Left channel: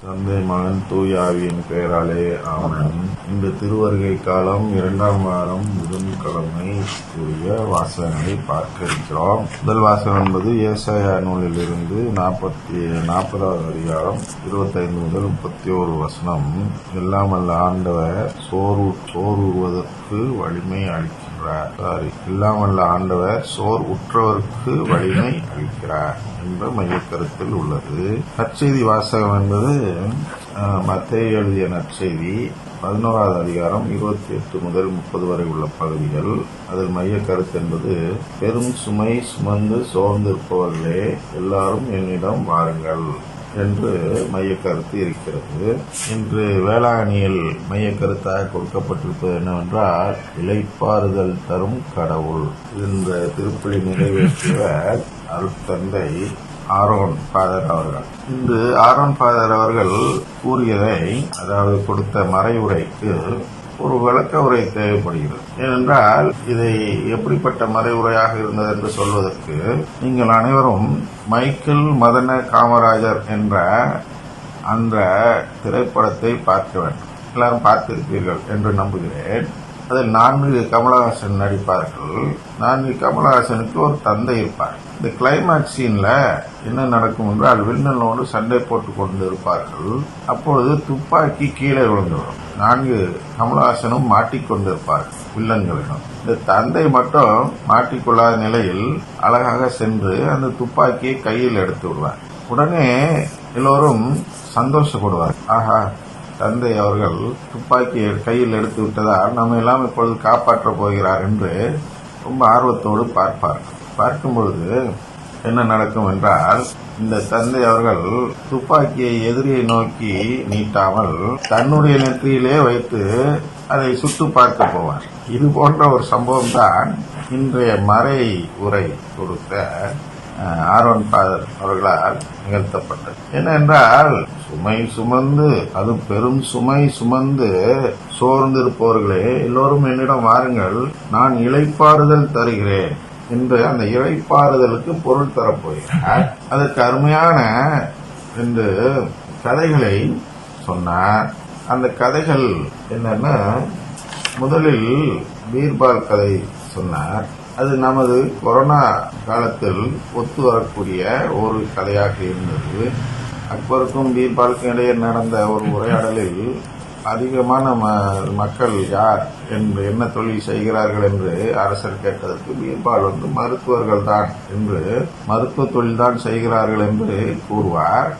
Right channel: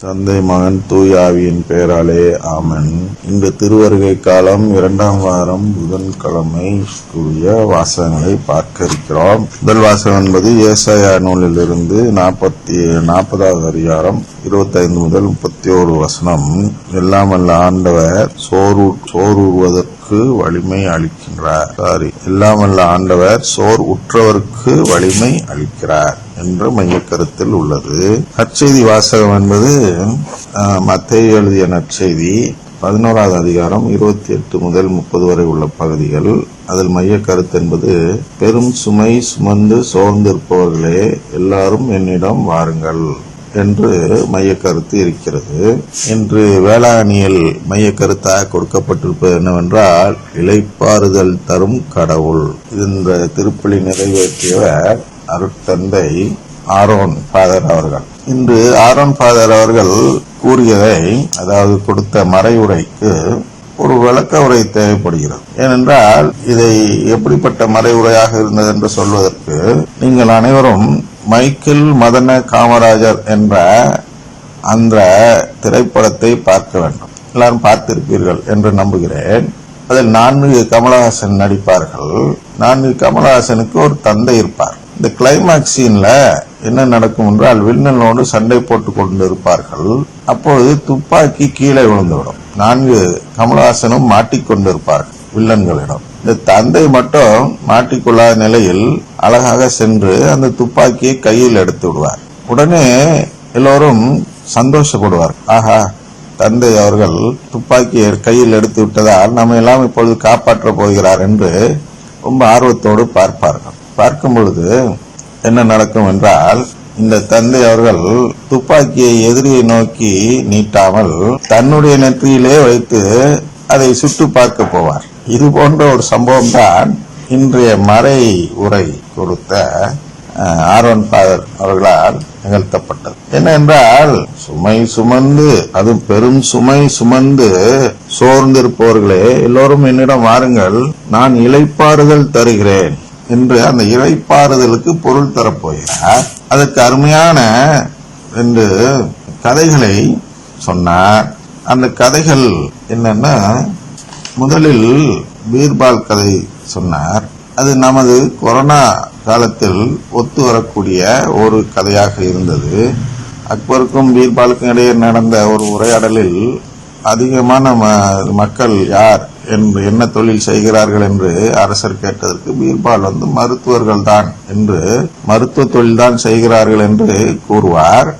தந்தை மகன் தூயாவியின் பெயராலே ஆமன். இந்த திருவருகை காலம் இரண்டாம் வாரம் புதன்கிழமை கூடிய வாசகங்களை பார்க்க இருக்கிறோம் முதல் வாசகம் என்பது ஏசாயா நூலிலிருந்து நாற்பத்தி நாற்பதாவது அதிகாரம் இருபத்தைந்து முதல் முப்பத்தி ஒரு வசனம். எல்லாம் வல்ல ஆண்டவர் சோறு சோறுவதற்கு வலிமை அளிக்கின்றார். சாரி எல்லாம் வல்ல ஆண்டவர் சோர் உற்றவருக்கு வலிமை அளிக்கிறார். என்ற மையக்கருத்தில் உள்ளது. நற்செய்தி வாசகம் என்பது மத்திய எழுதிய நற்செய்தி. பதினோராவது அதிகாரம் இருபத்தி எட்டு முதல் முப்பது வரை உள்ள பகுதிகள். அதில் மைய கருத்து என்பது பெரும் சுமை சுமந்து சோர்ந்திருப்பவர்களே எல்லாரும் என்னிடம் வாருங்கள் என்று மைய கருத்து இருக்கிறது. இன்று வேளாணியில் மைய கருத்தாக கொடுக்கப்பட்டிருப்பது என்னவென்றால் இலைப்பாறுதல் தரும் கடவுள் இந்த திருப்பலி நிறைவேற்றியவர் அருட்தந்தை ஆரோன் ஃபாதர் அவர்கள். இன்று ஆரோன் ஃபாதர் அவர்கள் கூறியதை அதாவது கொடுத்த மறைவுரைக்கு ஒரு விளக்க உரை தேவைப்படுகிறது. ஏனென்றால் இதை எப்படிப்பட்ட மறைவுரையாக இருந்தது என்று சொல்வதற்கு நீங்கள் அனைவரும் மைக்கேல் மதன காமராஜர் என்ற அந்த திரைப்படத்தை பார்க்க வேண்டும். எல்லாரும் பார்த்திருப்பீர்கள் என்று நம்புகிறேன். அதில் நான்கு கமலஹாசன் நடிப்பார்கள். நான்கு கமலஹாசனுக்கு ஒரு தந்தை இருப்பார். இந்த கிளைமாக்ஸ் சீன்ல என்ன நடக்கும் என்றால் வில்லனோடு சண்டை போட்டுக் கொண்டிருப்பார்கள். அப்பொழுது துப்பாக்கி கீழே விழுந்துவிடும். நான்கு கமலஹாசனும் மாட்டிக்கொண்டிருப்பார்கள் வில்லன்களிடம். இந்த தந்தை மட்டும் மாட்டிக்கொள்ளாத நிலையில் அழகாக சென்று அந்த துப்பாக்கியை கையில் எடுத்து விடுவார். உடனே எல்லோரும் சந்தோஷப்படுவார். ஆஹா தந்தை அவர்கள் துப்பாக்கியை கையில் எடுத்து விட்டதால் நம்ம எல்லாம் இப்பொழுது காப்பாற்றப் போகிறார் என்று ரொம்ப ஆர்வத்தோடு பார்ப்பார்கள். பார்க்கும் பொழுது என்ன நடக்கும் என்றால் இந்த தந்தை அவர்கள் துப்பாக்கியை எதிரியை நோக்கி நீட்டாமல் தன்னுடைய நெற்றியிலே வைத்து அதை சுட்டு பார்க்க போவார். இது போன்ற ஒரு சம்பவம் தான் இன்றைய மறை உரை கொடுத்த ஆர்வன் ஆரோன் அவர்களால் நிகழ்த்தப்பட்டது. என்னவென்றால் சுமை சுமந்து அதுவும் பெரும் சுமை சுமந்து சோர்ந்திருப்பவர்களே எல்லோரும் என்னிடம் வாருங்கள் நான் இளைப்பாறுதல் தருகிறேன். என்று அந்த இளைப்பாறுதலுக்கு பொருள் தரப்போகிறார். அதற்கு அருமையான ரெண்டு கதைகளை சொன்னார். அந்த கதைகள் என்னன்னா முதலில் பீர்பால் கதை சொன்னார். அது நமது கொரோனா காலத்தில் ஒத்து வரக்கூடிய ஒரு கதையாக இருந்தது. அக்பருக்கும் பீர்பாலுக்கும் இடையே நடந்த ஒரு உரையாடலில் அதிகமான மக்கள் யார் என்று என்ன தொழில் செய்கிறார்கள் என்று அரசர் கேட்டதற்கு பீர்பால் வந்து மருத்துவர்கள் தான் என்று மருத்துவ தொழில் தான் செய்கிறார்கள் என்று கூறுவார்.